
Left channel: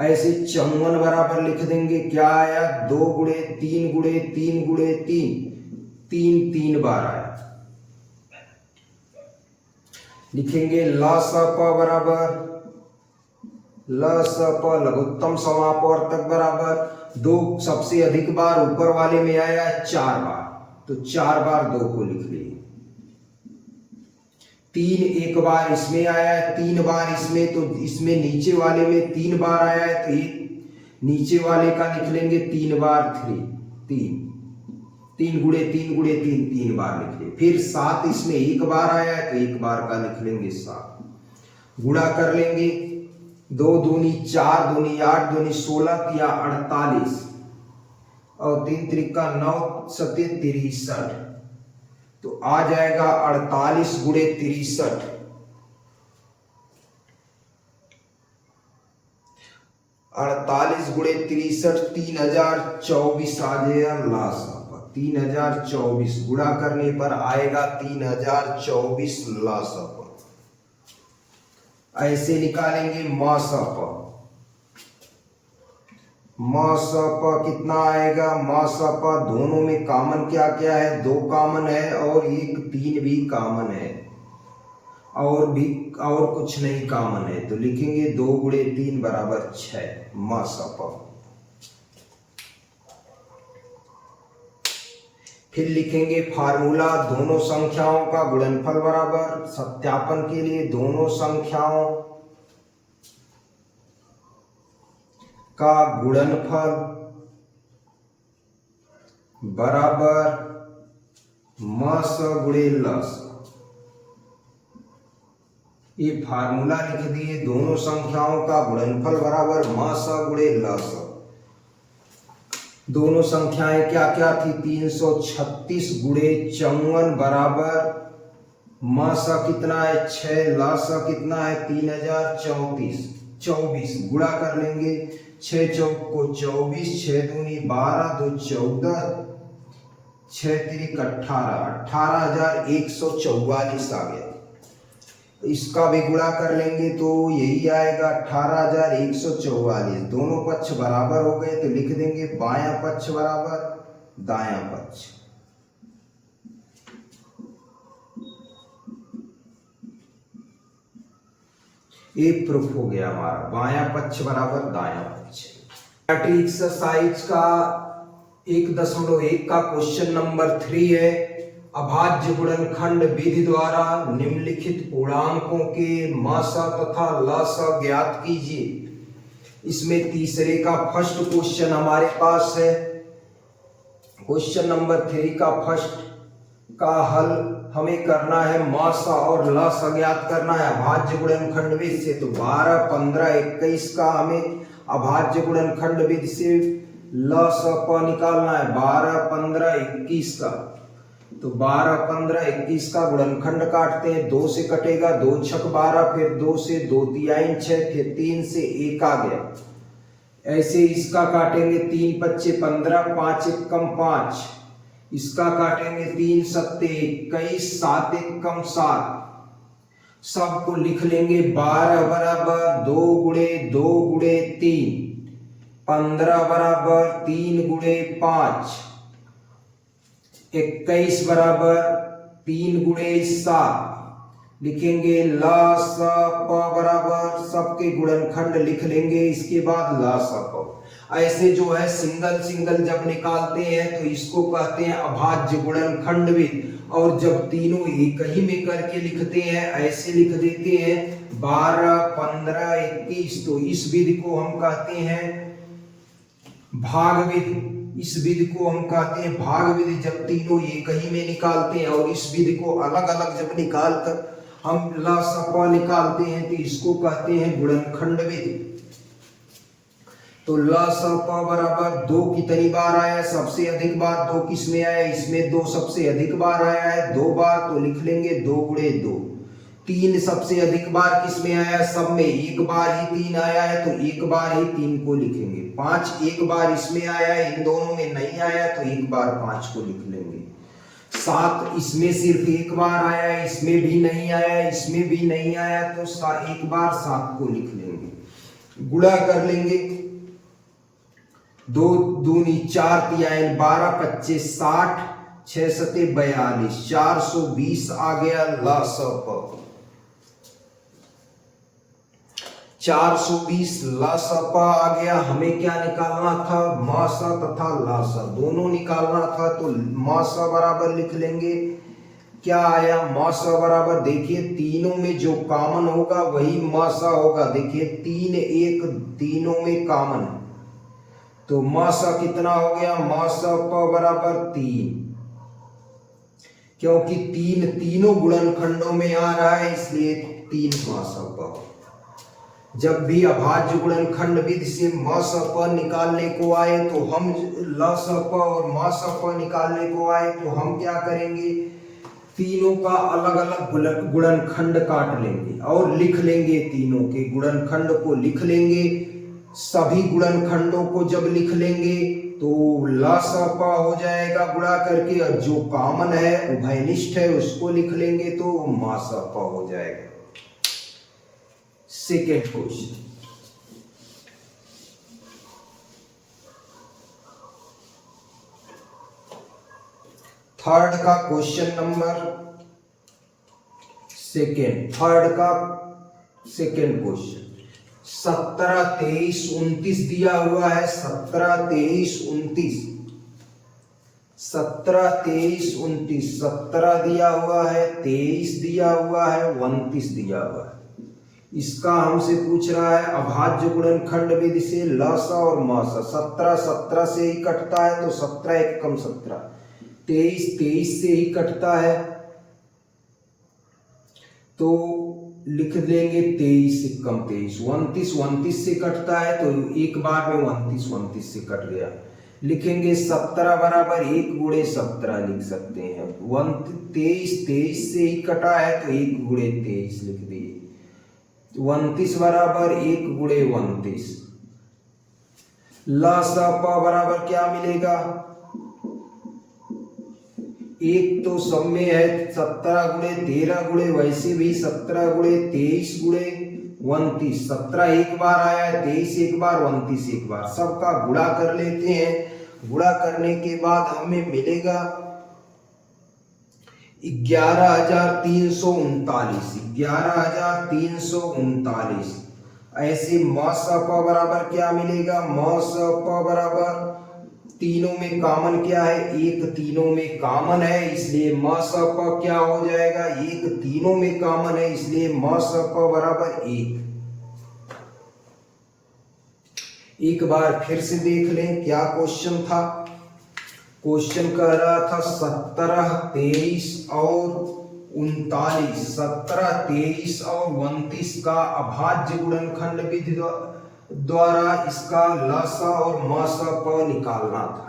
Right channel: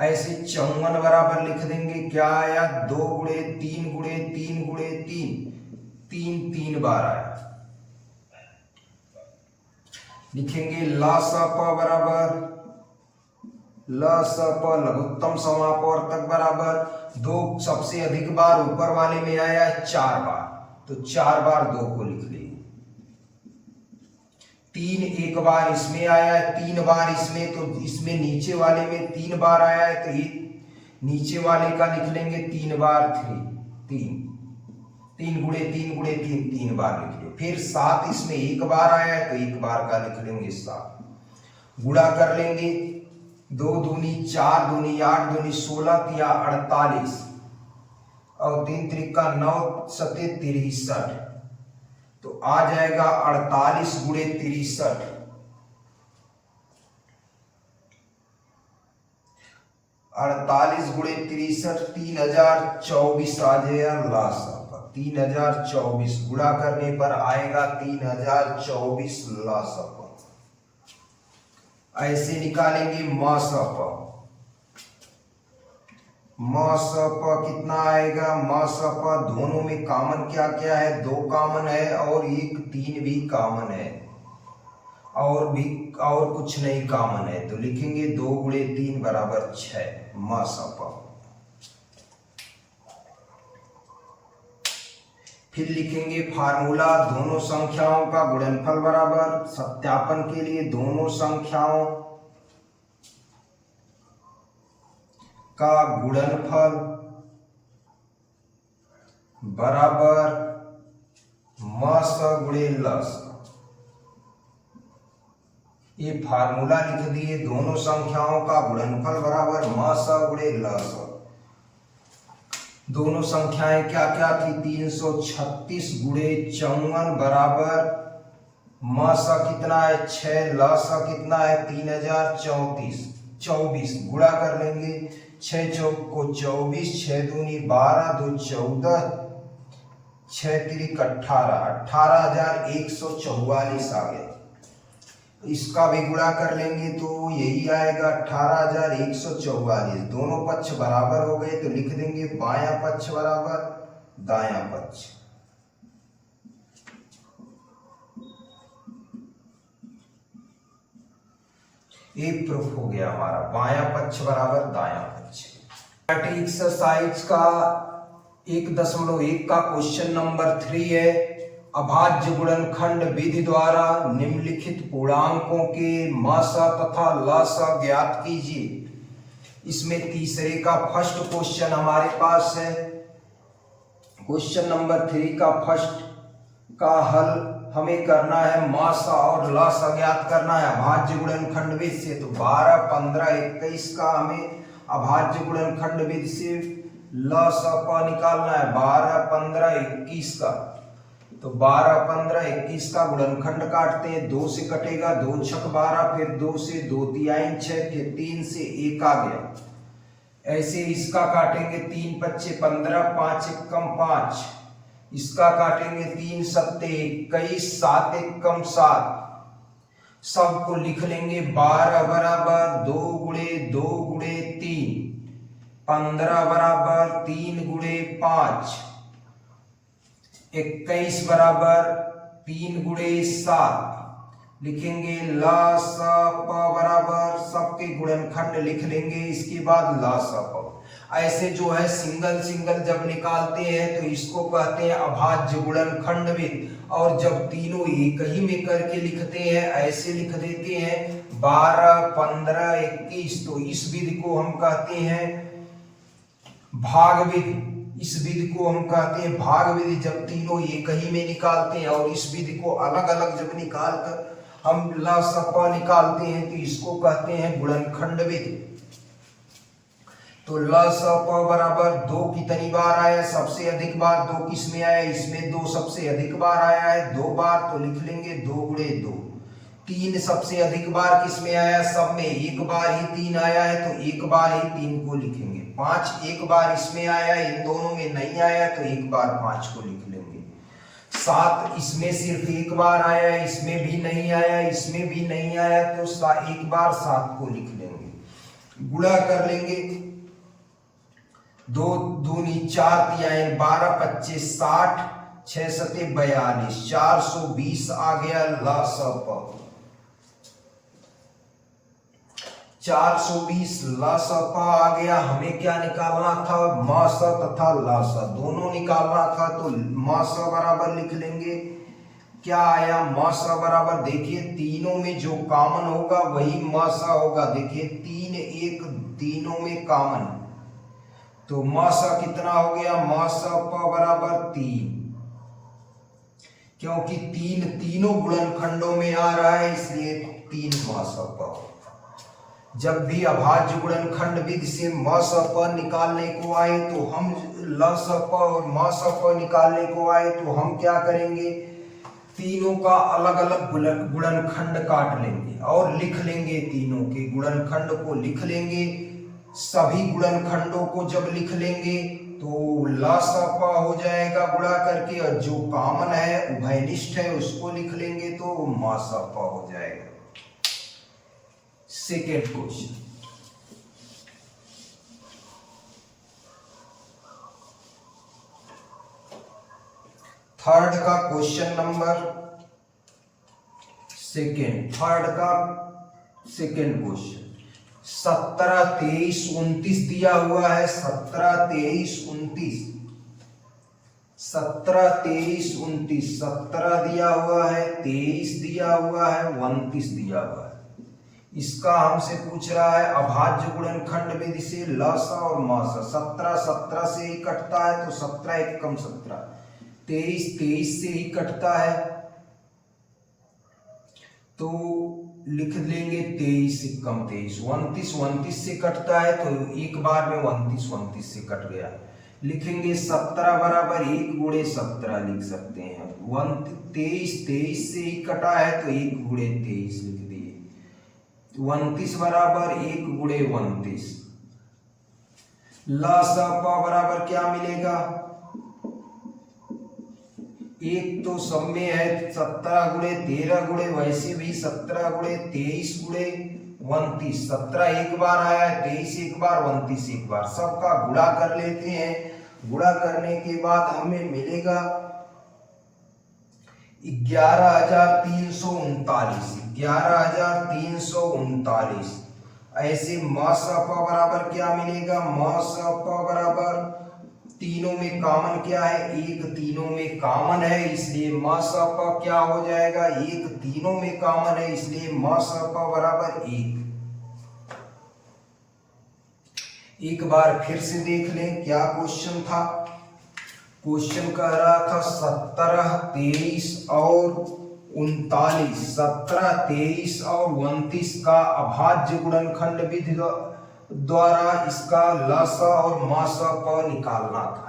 ऐसे 54 बराबर लिख देंगे, क्या आया 2 गुणे 3 गुणे 3 गुणे 3, 3 बार आया। लिखेंगे ला स प बराबर, ल स प लघुत्तम समापवर्तक बराबर 2 सबसे अधिक बार ऊपर वाले में आया है 4 बार, तो 4 बार 2 को लिख लिए। 3 एक बार इसमें आया है, 3 बार इसमें, तो इसमें नीचे वाले में 3 बार आया है, तो ये नीचे वाले का लिख लेंगे 3 बार 3, 3 गुणे 3 गुणे 3 3 बार लिख लिए। फिर 7 इसमें एक बार आया है तो एक बार का लिख लेंगे 7। गुणा कर लेंगे, 2 दूनी 4, दूनी 8, दूनी 16 या 48 और 3 त्रिका 9 सते 63। तो आ जाएगा 48 गुणे 63। 48 गुणे 63 3024 आ जाएगा लासा पर। 3024 गुणा करने पर आएगा 3024 लासा पर। ऐसे निकालेंगे मासा पर। मासा पर कितना आएगा? मासा पर दोनों में कॉमन क्या क्या है? 2 कॉमन है और एक 3 भी कॉमन है और कुछ नहीं कॉमन है, तो लिखेंगे 2 गुणे 3 बराबर 6 मासा पर। फिर लिखेंगे फार्मूला, दोनों संख्याओं का गुणनफल बराबर, सत्यापन के लिए दोनों संख्याओं का गुणनफल बराबर मास गुणे लस। ये फार्मूला लिख दिए, दोनों संख्याओं का गुणनफल बराबर मास गुणे लस। दोनों संख्याएं क्या क्या थी? 336 गुणे 54 बराबर मास कितना है? 6, लस कितना है? 3034। गुणा कर लेंगे, 6 चौक को 24, 6 दूनी 12, 2 14, 6 तिरिक 18, 18,144 आ गया। इसका भी गुणा कर लेंगे तो यही आएगा 18,144। दोनों पक्ष बराबर हो गए तो लिख देंगे बायां पक्ष बराबर दायां पक्ष। ये प्रूफ हो गया हमारा, बायां पक्ष बराबर दायां पक्ष। एक्सरसाइज का 1.1 का क्वेश्चन नंबर 3 है। अभाज्य गुणनखंड विधि द्वारा निम्नलिखित पूर्णांकों के मासा तथा लासा ज्ञात कीजिए। इसमें तीसरे का फर्स्ट क्वेश्चन हमारे पास है। क्वेश्चन नंबर 3 का फर्स्ट का हल हमें करना है, मासा और लासा ज्ञात करना है अभाज्य गुणनखंड विधि से। तो 12, 15, 21 का हमें अभाज्य गुणनखंड विधि से लासा का निकालना है। 12, 15, 21 का, तो 12, 15, 21 का गुणनखंड काटते हैं। 2 से कटेगा, 2 छक 12, फिर 2 से 2 तिहाई 6, फिर 3 से 1 आ गया। ऐसे इसका काटेंगे, 3 पच्चे 15, 5 एकम 5। इसका काटेंगे, 3 सत्ते 21, 7 एकम 7। सबको लिख लेंगे 12 बराबर 2 गुणे 2 गुणे 3, 15 बराबर 3 गुणे 5, 21 बराबर 3 गुणे 7। लिखेंगे ला स प बराबर, सबके गुणनखंड लिख लेंगे, इसके बाद ला स प। ऐसे जो है सिंगल सिंगल जब निकालते हैं तो इसको कहते हैं अभाज्य गुणनखंड विधि। और जब तीनों एक ही में करके लिखते हैं, ऐसे लिख देते हैं 12, 15, 21, तो इस विधि को हम कहते हैं भाग विधि। इस विधि को हम कहते हैं भाग विधि, जब तीनों एक ही में निकालते हैं। और इस विधि को अलग अलग जब निकाल कर हम ला स प निकालते हैं तो इसको कहते हैं गुणनखंड विधि। तो ला स प बराबर 2 कितनी बार आया? सबसे अधिक बार 2 किसमें आया? इसमें 2 सबसे अधिक बार आया है, 2 बार, तो लिख लेंगे 2 गुणे 2। 3 सबसे अधिक बार किसमें आया? सब में एक बार ही 3 आया है, तो एक बार ही 3 को लिखेंगे। 5 एक बार इसमें आया है, इन दोनों में नहीं आया, तो एक बार 5 को लिख लेंगे। 7 इसमें सिर्फ एक बार आया है, इसमें भी नहीं आया, इसमें भी नहीं आया, तो एक बार 7 को लिख लेंगे। गुणा कर लेंगे, 2 दूनी 4 तिहाई 12, 25, 60, 6 सते 42, 420 आ गया ला स प। 420 ला स प आ गया। हमें क्या निकालना था? मासा तथा लासा दोनों निकालना था, तो मासा बराबर लिख लेंगे। क्या आया? मासा बराबर, देखिए तीनों में जो कॉमन होगा वही मासा होगा। देखिए 3 1 तीनों में कॉमन, तो मासा कितना हो गया? मासा प बराबर 3। क्योंकि तीनों गुणनखंडों में आ रहा है, इसलिए 3 म स प। जब भी अभाज्य गुणनखंड विधि से म स प निकालने को आए तो हम ल स प और म स प निकालने को आए तो हम क्या करेंगे, तीनों का अलग अलग गुणनखंड काट लेंगे और लिख लेंगे, तीनों के गुणनखंड को लिख लेंगे। सभी गुणनखंडों को जब लिख लेंगे तो ला सा पा हो जाएगा गुणा करके, और जो कॉमन है उभयनिष्ठ है उसको लिख लेंगे तो मा सा पा हो जाएगा। सेकेंड क्वेश्चन, थर्ड का क्वेश्चन नंबर थर्ड का सेकेंड क्वेश्चन, 17, 23, 29 दिया हुआ है। 17, 23, 29, 17, 23, 29, 17 दिया हुआ है, 23 दिया हुआ है, 29 दिया हुआ है। इसका हमसे पूछ रहा है अभाज्य गुणनखंड विधि से लसा और मासा। 17 17 से ही कटता है तो 17 एक कम 17, 23 23 से ही कटता है तो लिख लेंगे 23 से कम 23, 29 29 से कटता है तो एक बार में 29 29 से कट गया। लिखेंगे 17 बराबर 1 गुणे 17 लिख सकते हैं। 23 23 से ही कटा है तो 1 गुणे 23 लिख दिए। 29 बराबर 1 गुणे 29। ला सा पा बराबर क्या मिलेगा, एक तो सब में है 17 गुणे 13 गुणे, वैसे भी 17 गुणे 23 गुणे 29। 17 एक बार आया है, 23 एक बार, 29 एक बार, सबका गुणा कर लेते हैं। गुणा करने के बाद हमें मिलेगा 11,339, 11,339। ऐसे म स प बराबर क्या मिलेगा, म स प बराबर तीनों में कॉमन क्या है, एक तीनों में कॉमन है, इसलिए म स प क्या हो जाएगा, एक तीनों में कॉमन है, इसलिए म स प बराबर 1। एक बार फिर से देख लें क्या क्वेश्चन था। क्वेश्चन कह रहा था 17, 23 और 39, 17, 23 और 29 का अभाज्य गुणनखंड विधि द्वारा इसका लस और मस प निकालना था।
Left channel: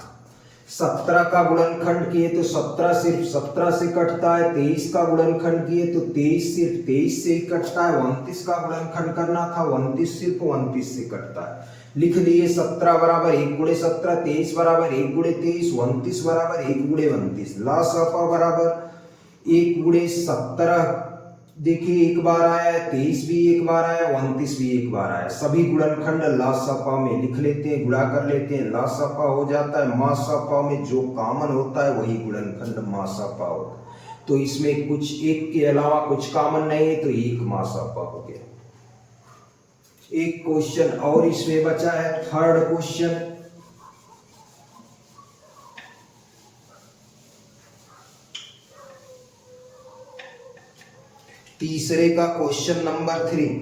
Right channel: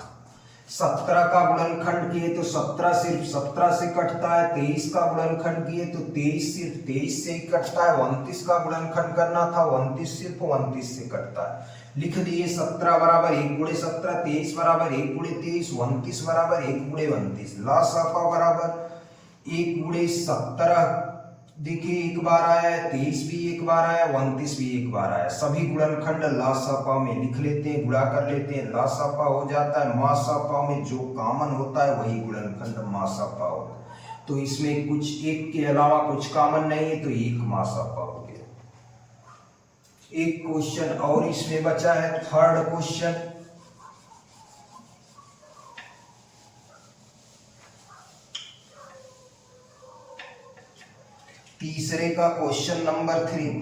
17 का गुणनखंड किए तो 17 सिर्फ 17 से कटता है, 23 का गुणनखंड किए तो 23 सिर्फ 23 से ही कटता है, 29 का गुणनखंड करना था, 29 सिर्फ 29 से कटता है। लिख लिए 17 बराबर 1 गुणे 17, 23 बराबर 1 गुणे 23, 29 बराबर 1 गुणे 29। ला सा पा बराबर 1 गुणे 17, देखिए एक बार आया है, 23 भी एक बार आया, 29 भी एक बार आया। सभी गुणनखंड ला सा पा में लिख लेते हैं, गुणा कर लेते हैं, ला सा पा हो जाता है। मा सा पा में जो कॉमन होता है वही गुणनखंड मा सा पा होता है, तो इसमें कुछ एक के अलावा कुछ कॉमन नहीं, तो एक मा सा पा हो गया। एक क्वेश्चन और इसमें बचा है, थर्ड क्वेश्चन। तीसरे का क्वेश्चन नंबर 3,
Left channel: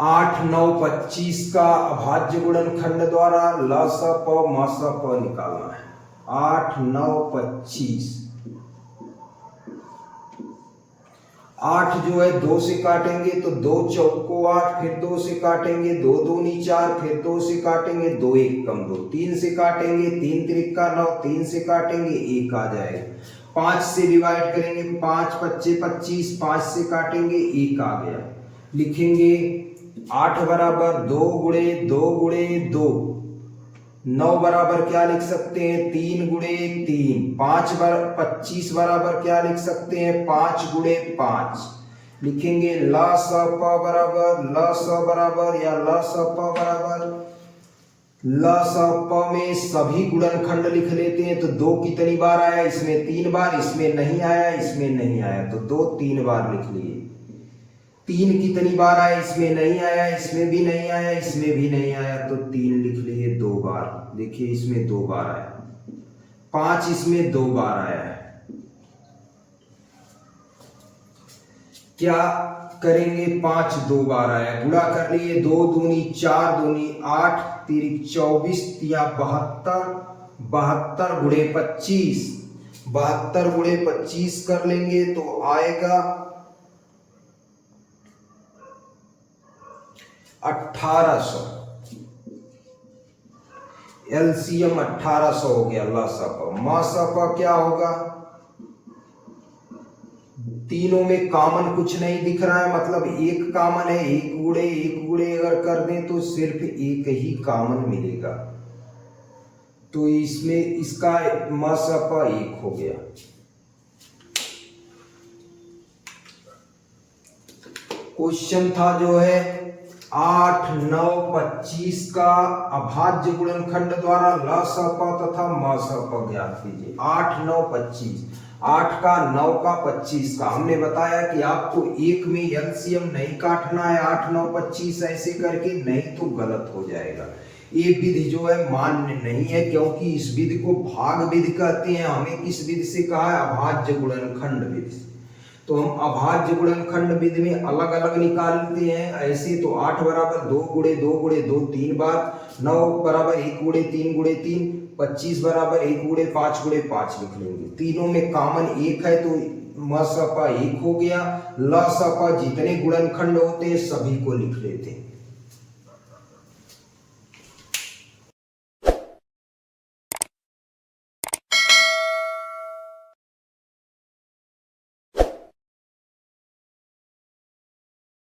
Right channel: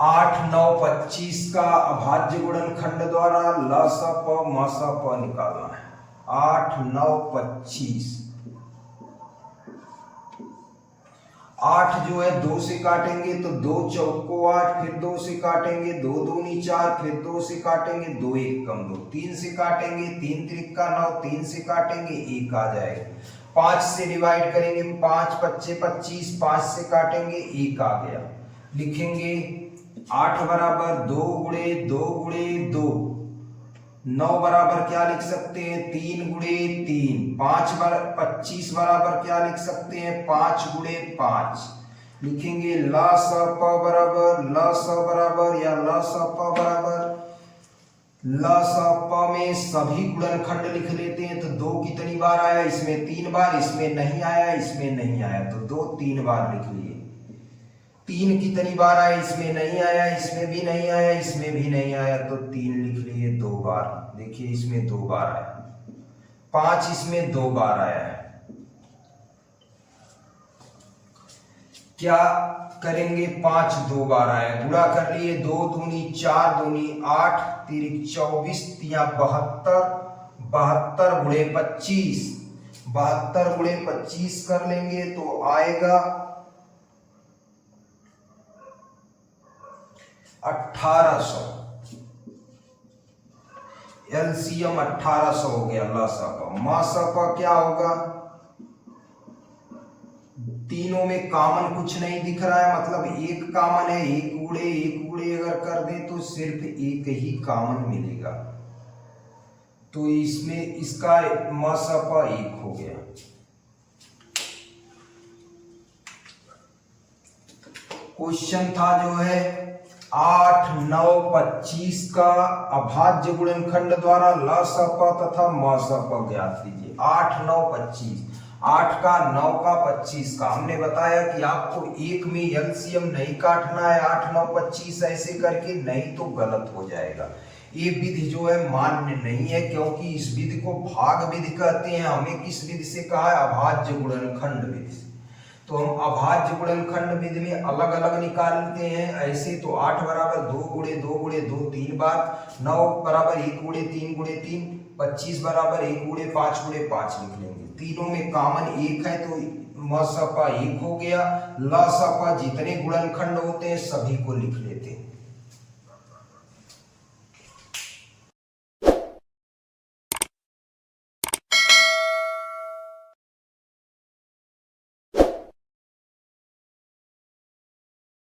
आठ 9 25 का अभाज्य गुणनखंड द्वारा ला सा प मा सा प निकालना है। 8 9 25, 8 जो है 2 से काटेंगे तो 2 चौको 8, फिर 2 से काटेंगे 2 दूनी 4, फिर 2 से काटेंगे 2 एक कम 2, 3 से काटेंगे 3 त्रिका 9, 3 से काटेंगे 1 आ जाएगा। 5 से डिवाइड करेंगे 5 पच्चे 25, 5 से काटेंगे 1 आ गया। लिखेंगे 8 बराबर 2 गुणे 2 गुणे 2, 9 बराबर क्या लिख सकते हैं 3 गुणे 3, 25 बराबर क्या लिख सकते हैं 5 गुणे 5। लिखेंगे ला सा प बराबर ला सा बराबर या ला सा प बराबर, ला सा प में सभी गुणनखंड लिख लेते हैं तो 2 कितनी बार आया, इसमें 3 बार, इसमें नहीं आया, इसमें नहीं आया, तो 2 3 बार लिख लिए। 3 कितनी बार आया, इसमें नहीं आया, इसमें भी नहीं आया, इसमें भी नहीं आया, तो 3 लिख लिए 2 बार। देखिए इसमें 2 बार आया, 5 इसमें 2 बार आया है। क्या करेंगे 5 दो बार आया, गुणा कर लिए 2 दूनी 4 दूनी 8 तिरिक 24 तिया 72, 72 गुणे 25, 72 गुणे 25 कर लेंगे तो आएगा 1800। एलसीएम 1800 हो गया। लासापा मासापा क्या होगा, तीनों में कॉमन कुछ नहीं दिख रहा है, मतलब एक कॉमन है, एक गुणे अगर कर दें तो सिर्फ एक ही कॉमन मिलेगा, तो इसमें इसका मासापा 1 हो गया। क्वेश्चन था जो है 8, 9, 25 का अभाज्य गुणनखंड द्वारा लासापा तथा मासापा ज्ञात कीजिए। 8, 9, 25, 8 का 9 का 25 का हमने बताया कि आपको एक में एलसीएम नहीं काटना है, 8, 9, 25 ऐसे करके, नहीं तो गलत हो जाएगा। ये विधि जो है मान्य नहीं है, क्योंकि इस विधि को भाग विधि कहते हैं। हमें किस विधि से कहा है, अभाज्य गुणनखंड विधि से। तो हम अभाज्य गुणनखंड विधि में अलग अलग निकालते हैं ऐसे, तो 8 बराबर 2 गुणे 2 गुणे 2 3 बार, 9 बराबर 1 गुणे 3 गुणे 3, 25 बराबर 1 गुणे 5 गुणे 5 लिख लेंगे। तीनों में कॉमन 1 है तो मासापा 1 हो गया। लासापा जितने गुणनखंड होते हैं सभी को लिख लेते हैं।